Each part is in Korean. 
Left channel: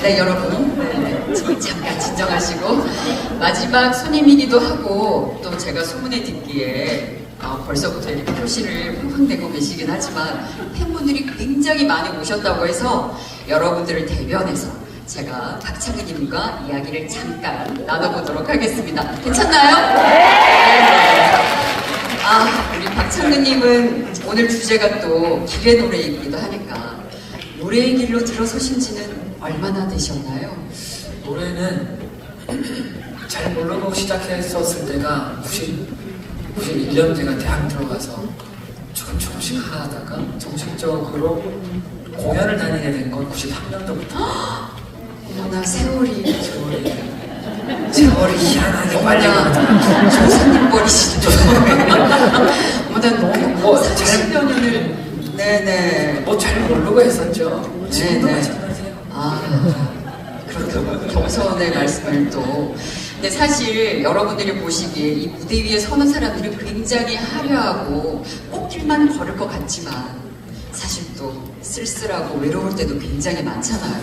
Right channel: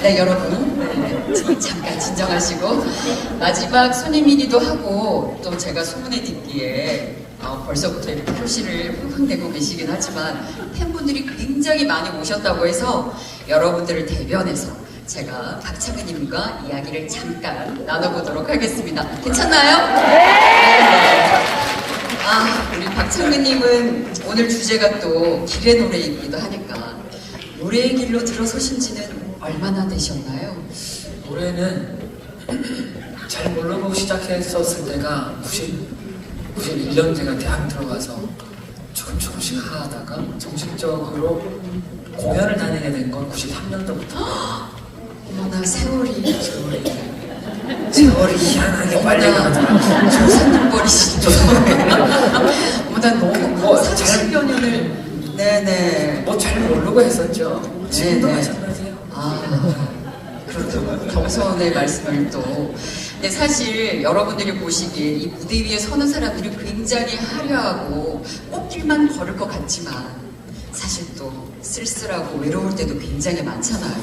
네. 여러분, 네, 네, 잠깐 진정하시고. 마지막 손님이기도 하고, 또 제가 소문에 듣기에 어, 벌써부터 이렇게 표시를 쿵쿵대고 계시긴 하지만, 팬분들이 굉장히 많이 오셨다고 해서, 여러분들을 대변해서 제가 박창희님과 이야기를 잠깐 나눠보도록 하겠습니다. 괜찮나요? 네! 네. 아, 우리 박창근님은 오늘 주제가 또 길의 노래이기도 하니까 노래의 길로 들어서신 지는 얼마나 되셨나요? 노래는 잘 모르고 시작했었을 때가 90, 91년 제가 대학 들어가서 조금 조금씩 하다가 정식적으로 공연을 다니게 된 건 93년도부터 어머나 세월이 세월이 세월이 희한하게 빨리 가더라고요. 저 생각버리시죠. 어머나 너무 뭐, 30년을 네네 뭐 잘 모르고 했었죠. 지금도 네네. 마찬가지예요. 아, 그렇죠. 겸손의 말씀을 또. 근데 사실 여러분들이 보시기에 이 무대 위에 서는 사람들이 굉장히 화려하고 꽃길만 걸을 것 같지만 사실 또 쓸쓸하고 외로울 때도 굉장히 많잖아요.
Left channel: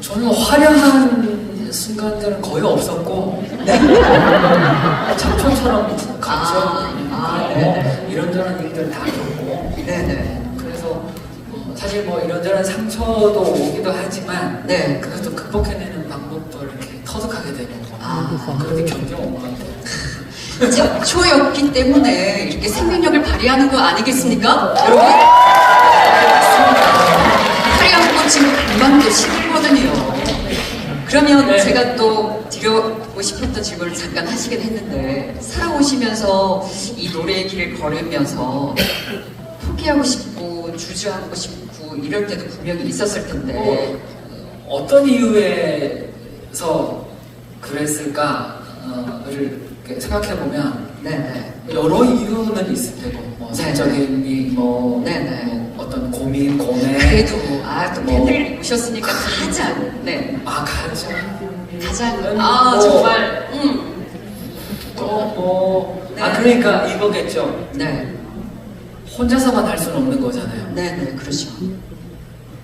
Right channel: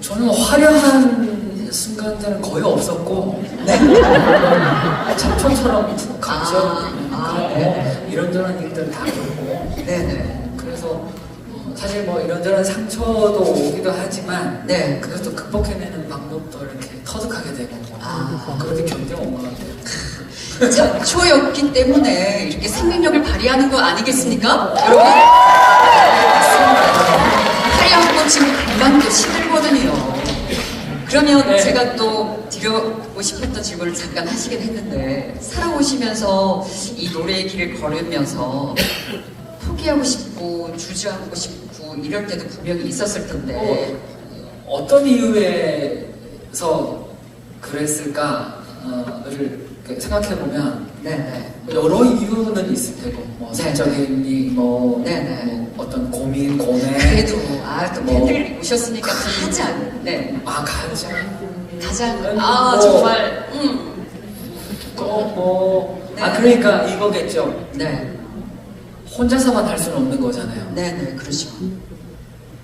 저는 화려한 순간들은 거의 없었고 네. 작품처럼 각종 아, 아, 뭐 네. 이런저런 일들 다 겪고 네네. 그래서 사실 뭐 이런저런 상처도 오기도 하지만 네. 그것도 극복해내는 방법도 이렇게 터득하게 되고 아. 그렇게 견뎌온 것 같아요. 잡초였기 때문에 이렇게 생명력을 발휘하는 거 아니겠습니까? 여러분? 하얀 꽃이 금방도 시들거든요. 그러면 네. 제가 또 드려보고 싶었던 질문을 잠깐 하시긴 했는데 살아오시면서 이 노래의 길을 걸으면서 포기하고 싶고 주저하고 싶고 이럴 때도 분명히 있었을 텐데 어 떤 이유에서 그랬을까를 이렇게 생각해 보면 네네 여러 이유는 있을 테고 뭐 네. 사적인 이, 뭐, 네, 네. 뭐 어떤 고민, 고뇌 그래도 아또 뭐. 팬들이 오셨으니까 가장 네 아 가장 가장 아 뭐. 정말 음. 또 뭐 아 네. 그러니까 이거겠죠 네, 혼자서만 할 수는 없는 거잖아요 네, 네, 그렇죠.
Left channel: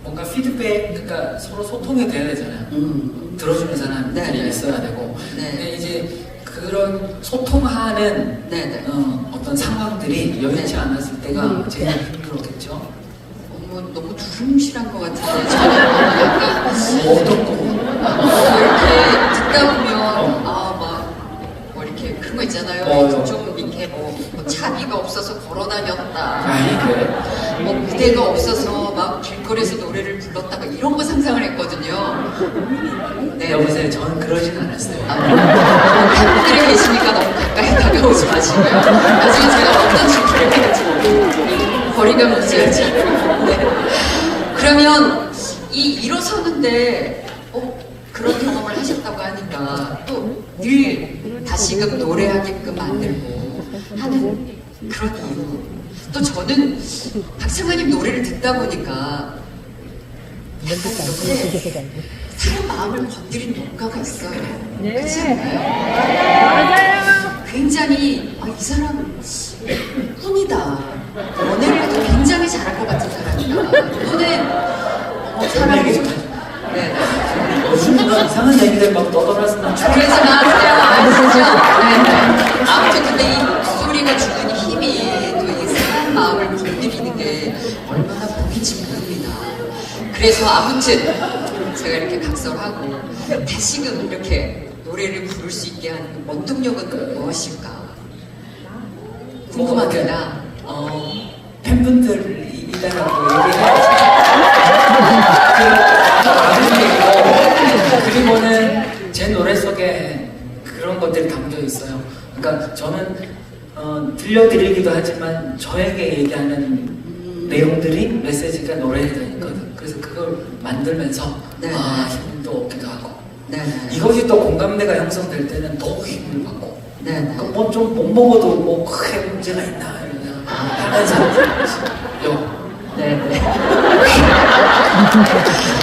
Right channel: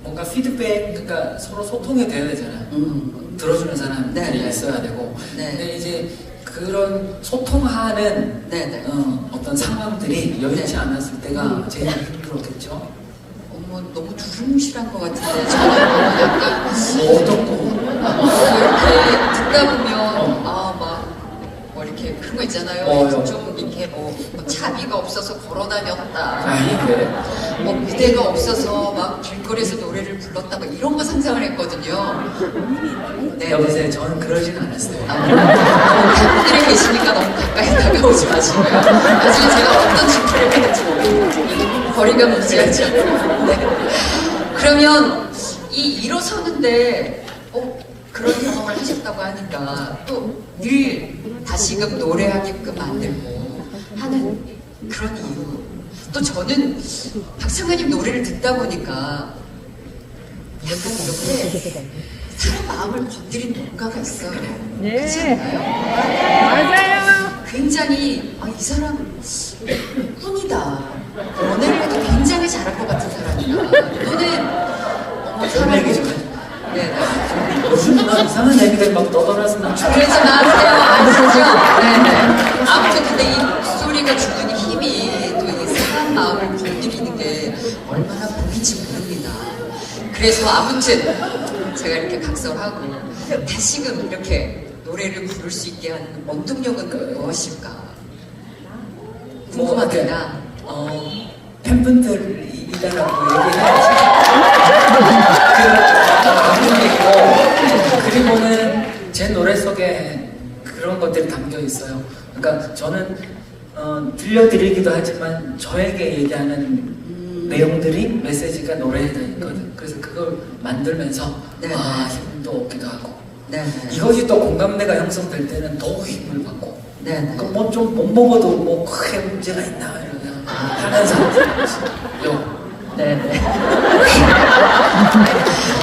뭔가 피드백 그러니까 서로 소통이 돼야 되잖아요 음, 들어주는 사람들이 네, 네. 있어야 되고 네. 근데 이제 그런 소통하는 네, 네. 어, 어떤 상황들이 여의치 네. 않았을 때가 음. 제일 힘들었겠죠 어머 너무 두rum실한 것 같은데 저는 약간 뭐 어떻고 뭐 이렇게 듣다 보면 그런 거 있잖아요. 어. 좀 이렇게 뭐, 뭐 차비가 없어서 걸어다녔다. 아 이게 뭐 무대가 없어서 막 길거리에서 노래를 불렀다 뭐 이런 거 상상을 했거든요. 네. 여보세요 저는 그러진 않았어요 아, 팬분들이 계시니까 너무 가까이 다가오지 마시고요. 나중에 제가 어떤 질문을 할지. 거리감을 유지하지 않고. 네. 그러면 이 일어서는데 어, 그런 경험을 하셨다고 하니까 또 늘 다시금 노래하게끔 만들고 하는 그런 이유. 또 저는 박상관님 노래를 듣다 보니까 약간 이렇게 사람 마음을 건드린 뭔가가 있어요. 그렇지 않아요? 굉장히 아, 이 사람 꿈이다. 연애도 굉장히 잘할 것 같은 사람이다. 이거는 어, 얘기 네. 요즘 막 이상한 얘기들 막 떠돌아서는 그러지 마세요. 아시죠? 네. 아무튼 근데 이 소리가 주는 힘이 또 이 사람 마음을 불리는 게 얼마나 보이지 모릅니다. 그래서 아무튼 제가 이렇게 각설하고 다시금 이렇게 노래를 부를 수 있게 하는 원동력은 무엇일까? 궁금합니다. 어, 팬분들이라고 얘기해야지. 그, 그리고는 제 노래 속에 그런 것들이 담겨 있어요. 그러니까 저는 어, 들려드리기도 하지만 저에게 얘기하는 내용들이 메시지가 노래에 있거든. 그래서 그걸 만들면서 네. 아 힘도 얻기도 하고 네. 이것이 또 공감대가 형성될 때는 더 힘을 받고 네. 네. 뭐좀 못 먹어도 뭐 크게 문제가 있나 이러면 하면서 요 네네.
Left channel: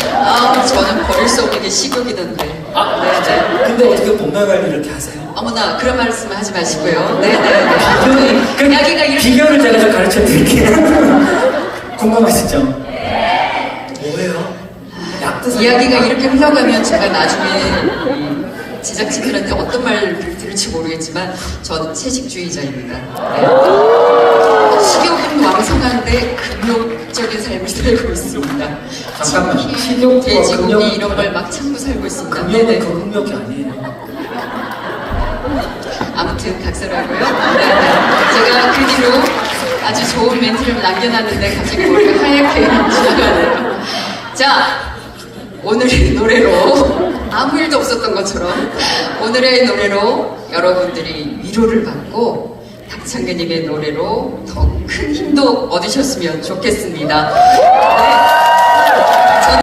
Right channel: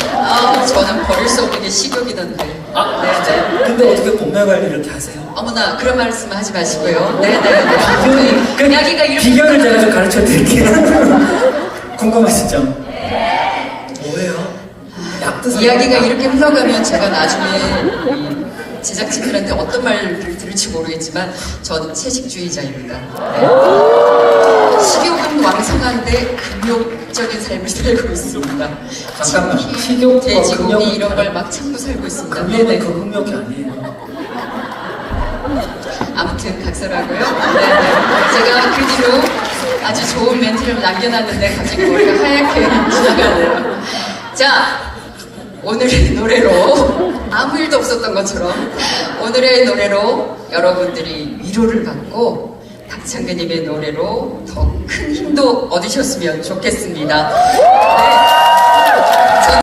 아, 저는 버릴 수 없는 게 식욕이던데. 아, 네. 근데 어떻게 관리 이렇게 하세요? 어머나, 그런 말씀 하지 마시고요. 네 네 네. 그 이야기가 이렇게. 비결을 제가 좀 가르쳐 드릴게요. 궁금하시죠? 뭐예요? 약 뜻을 이야기가. 이렇게 흘러가면 제가 나중에 이 제작진들한테 어떤 말을 들을지 모르겠지만 저는 채식주의자입니다. 네. 금욕적인 삶을 살고 있습니다. 잠깐만. 식욕과 돼지고기 금욕은 이런 걸 막 참고 살고 있습니다. 근데 그 흥력이 아니에요. 아무튼 각설하고요. 네. 제가 그리로 아주 좋은 멘트를 남겨놨는데 갑자기 머리가 하얗게 지나가네요. 자, 오늘의 노래로 아무 일도 없었던 것처럼 오늘의 노래로 여러분들이 위로를 받고 박창규님의 노래로 더 큰 힘도 얻으셨으면 좋겠습니다. 네.